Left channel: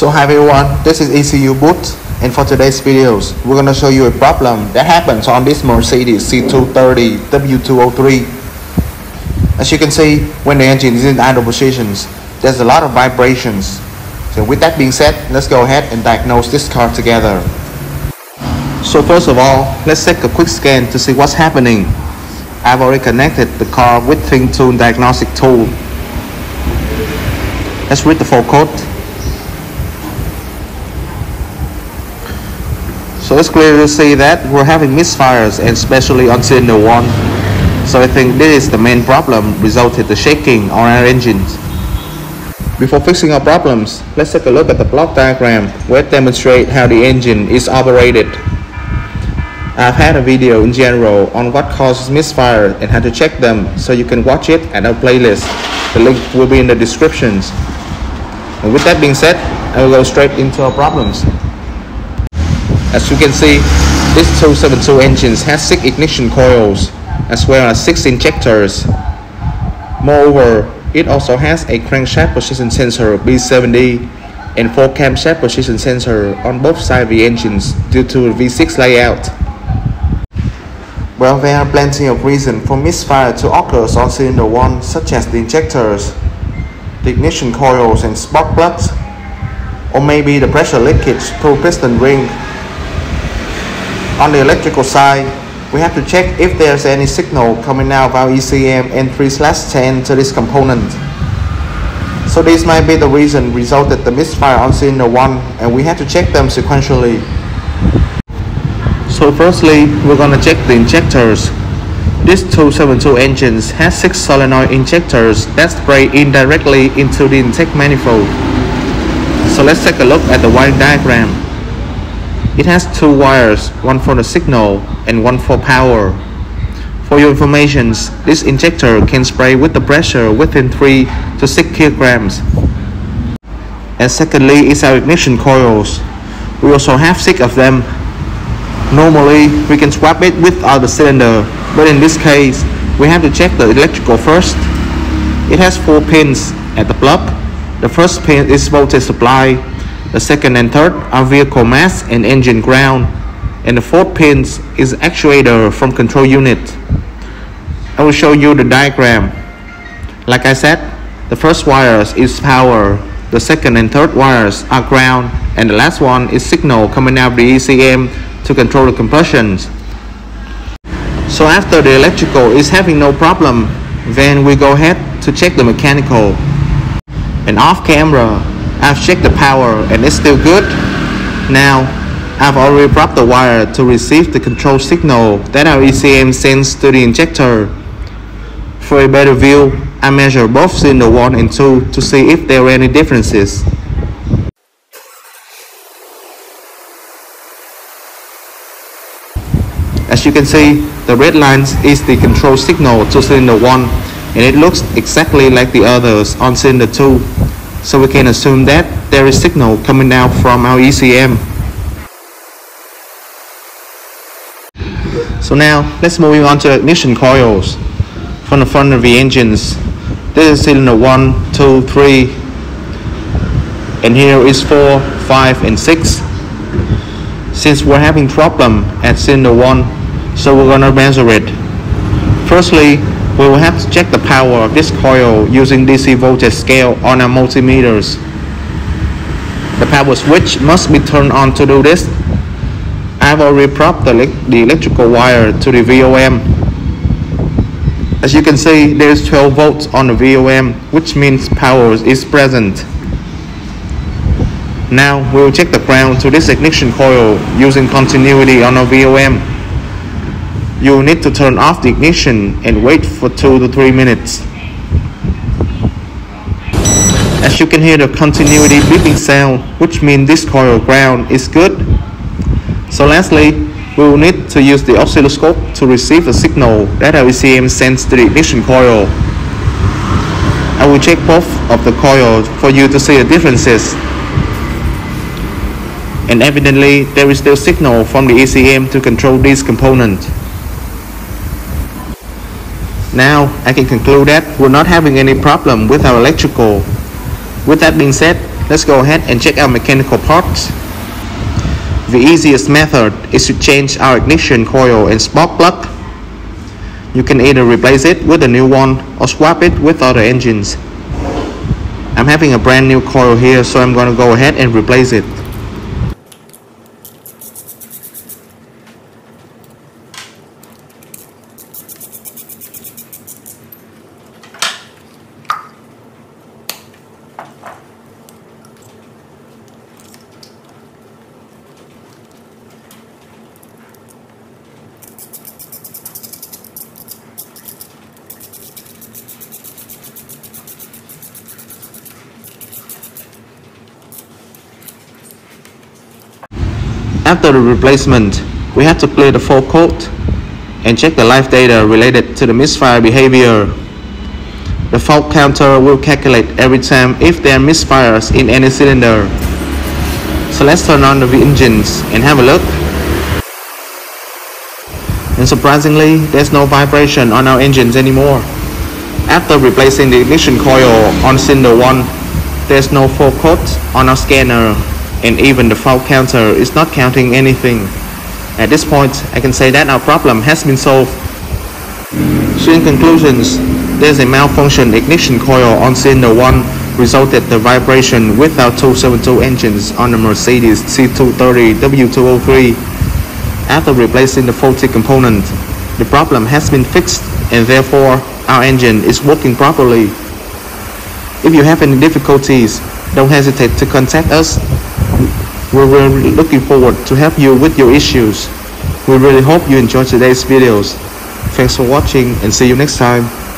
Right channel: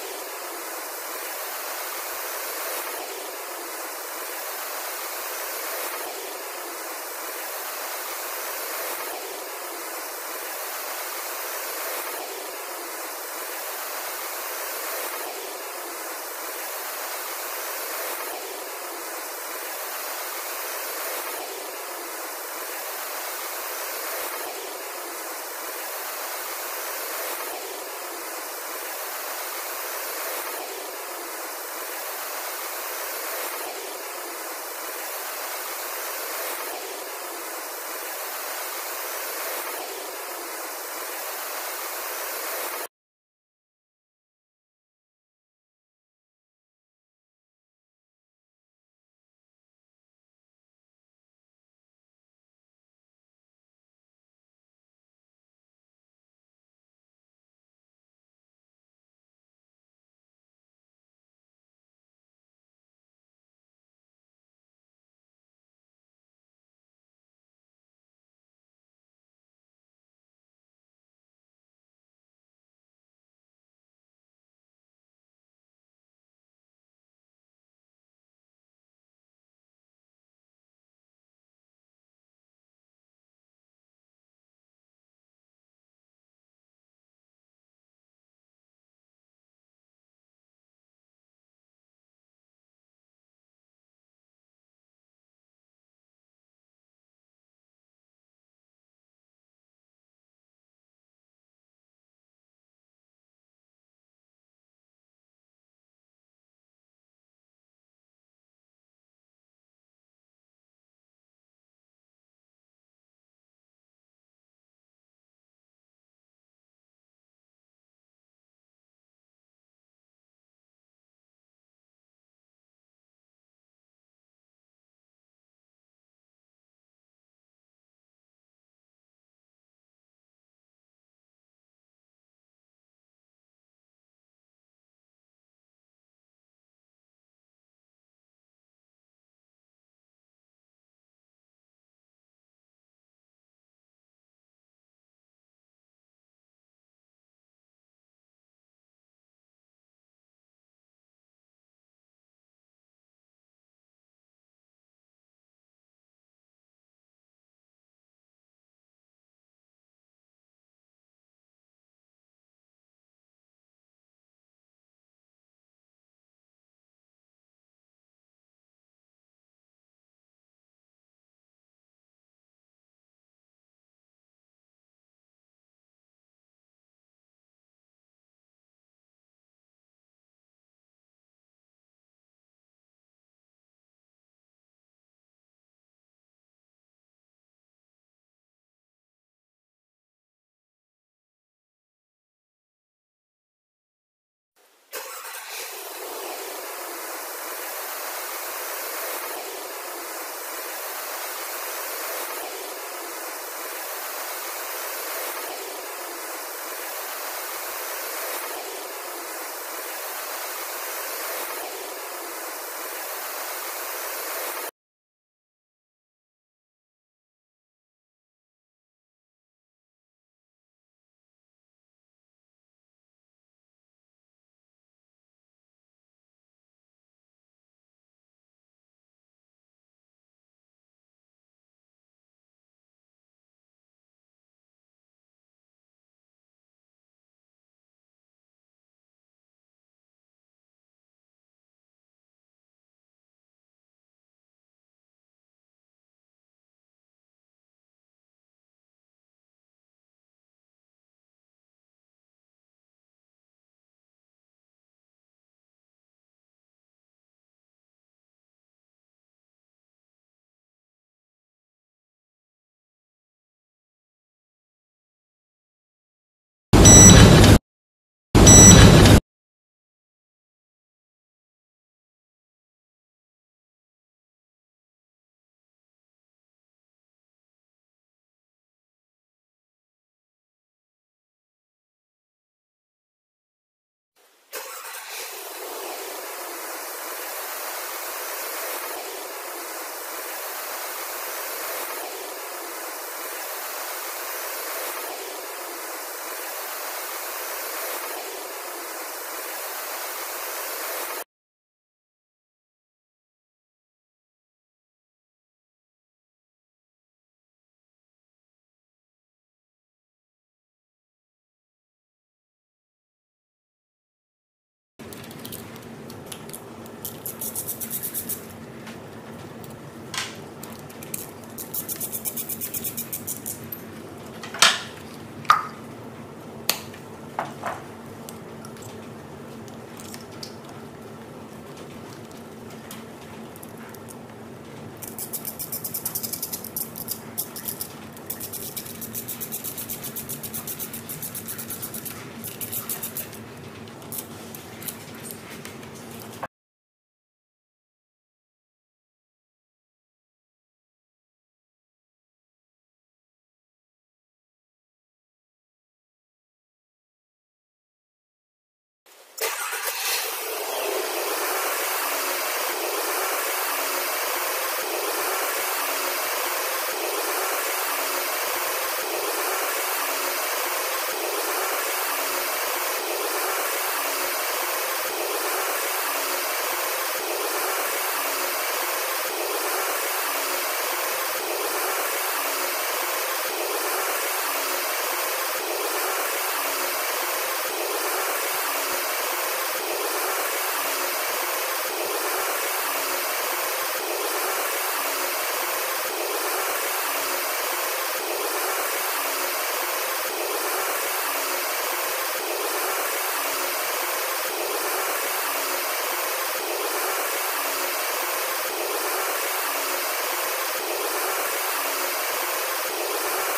So hi everyone, this is Ecuboot, and for today's videos, we're going to show you a problem that happens on this Mercedes C230 W203. As you can see, when the engine is in idle positions, there's a lot of vibrations. So with that being said, let's go ahead and diagnose this car together. So first of all, let's take a quick scan to see what's happening. I've already connected the car with Tune diagnostic tool. Let's read the full code. So it's clear to see that we're having misfires, and especially on cylinder 1. So I think this is the main problem, resulted the shaking on our engines. Before fixing our problems, let's take a look at the block diagram where it demonstrates how the engine is operated. I've had a video in general on what causes misfire and how to check them, so you can watch it at our playlist. The link will be in the descriptions. And with that being said, I will go straight into our problems. As you can see, this 272 engine has 6 ignition coils as well as 6 injectors. Moreover, it also has a crankshaft position sensor B70 and 4 camshaft position sensor on both sides of the engines due to the V6 layout. Well, there are plenty of reasons for misfire to occur on cylinder 1, such as the injectors, the ignition coils and spark plugs, or maybe the pressure leakage through piston ring. On the electrical side, we have to check if there's any signal coming out of our ECM N3/10 to this component. So this might be the reason resulted the misfire on cylinder 1, and we have to check them sequentially. So firstly, we're gonna check the injectors. This 272 engine has 6 solenoid injectors that spray indirectly into the intake manifold. So let's take a look at the wiring diagram. It has 2 wires, one for the signal and one for power. For your information, this injector can spray with the pressure within 3 to 6 kilograms. And secondly is our ignition coils. We also have 6 of them. Normally, we can swap it with other cylinder, but in this case, we have to check the electrical first. It has 4 pins at the plug. The first pin is voltage supply. The second and third are vehicle mass and engine ground, and the 4th pin is actuator from control unit. I will show you the diagram. Like I said, the first wires is power, the second and third wires are ground, and the last one is signal coming out of the ECM to control the compressions. So after the electrical is having no problem, then we go ahead to check the mechanical. And off camera, I've checked the power and it's still good. Now, I've already brought the wire to receive the control signal that our ECM sends to the injector. For a better view, I measure both cylinder 1 and 2 to see if there are any differences. As you can see, the red line is the control signal to cylinder 1, and it looks exactly like the others on cylinder 2. So we can assume that there is signal coming out from our ECM. So now, let's move on to ignition coils. From the front of the engines, this is cylinder 1, 2, 3, and here is 4, 5, and 6. Since we're having problem at cylinder 1, so we're gonna measure it. Firstly, we will have to check the power of this coil using DC voltage scale on our multimeters. The power switch must be turned on to do this. I've already propped the electrical wire to the VOM. As you can see, there is 12 volts on the VOM, which means power is present. Now we will check the ground to this ignition coil using continuity on our VOM. You will need to turn off the ignition and wait for 2 to 3 minutes. As you can hear the continuity beeping sound, which means this coil ground is good. So lastly, we will need to use the oscilloscope to receive the signal that our ECM sends to the ignition coil. I will check both of the coils for you to see the differences. And evidently, there is still signal from the ECM to control this component. Now, I can conclude that we're not having any problem with our electrical. With that being said, let's go ahead and check out mechanical parts. The easiest method is to change our ignition coil and spark plug. You can either replace it with a new one or swap it with other engines. I'm having a brand new coil here, so I'm going to go ahead and replace it. After the replacement, we have to clear the fault code and check the live data related to the misfire behavior. The fault counter will calculate every time if there are misfires in any cylinder. So let's turn on the engines and have a look. And surprisingly, there's no vibration on our engines anymore. After replacing the ignition coil on cylinder 1, there's no fault code on our scanner, and even the fault counter is not counting anything. At this point, I can say that our problem has been solved. So in conclusions, there's a malfunction ignition coil on cylinder 1 resulted the vibration with our 272 engines on the Mercedes C230 W203. After replacing the faulty component, the problem has been fixed and therefore our engine is working properly. If you have any difficulties, don't hesitate to contact us. We're really looking forward to help you with your issues. We really hope you enjoyed today's videos. Thanks for watching and see you next time.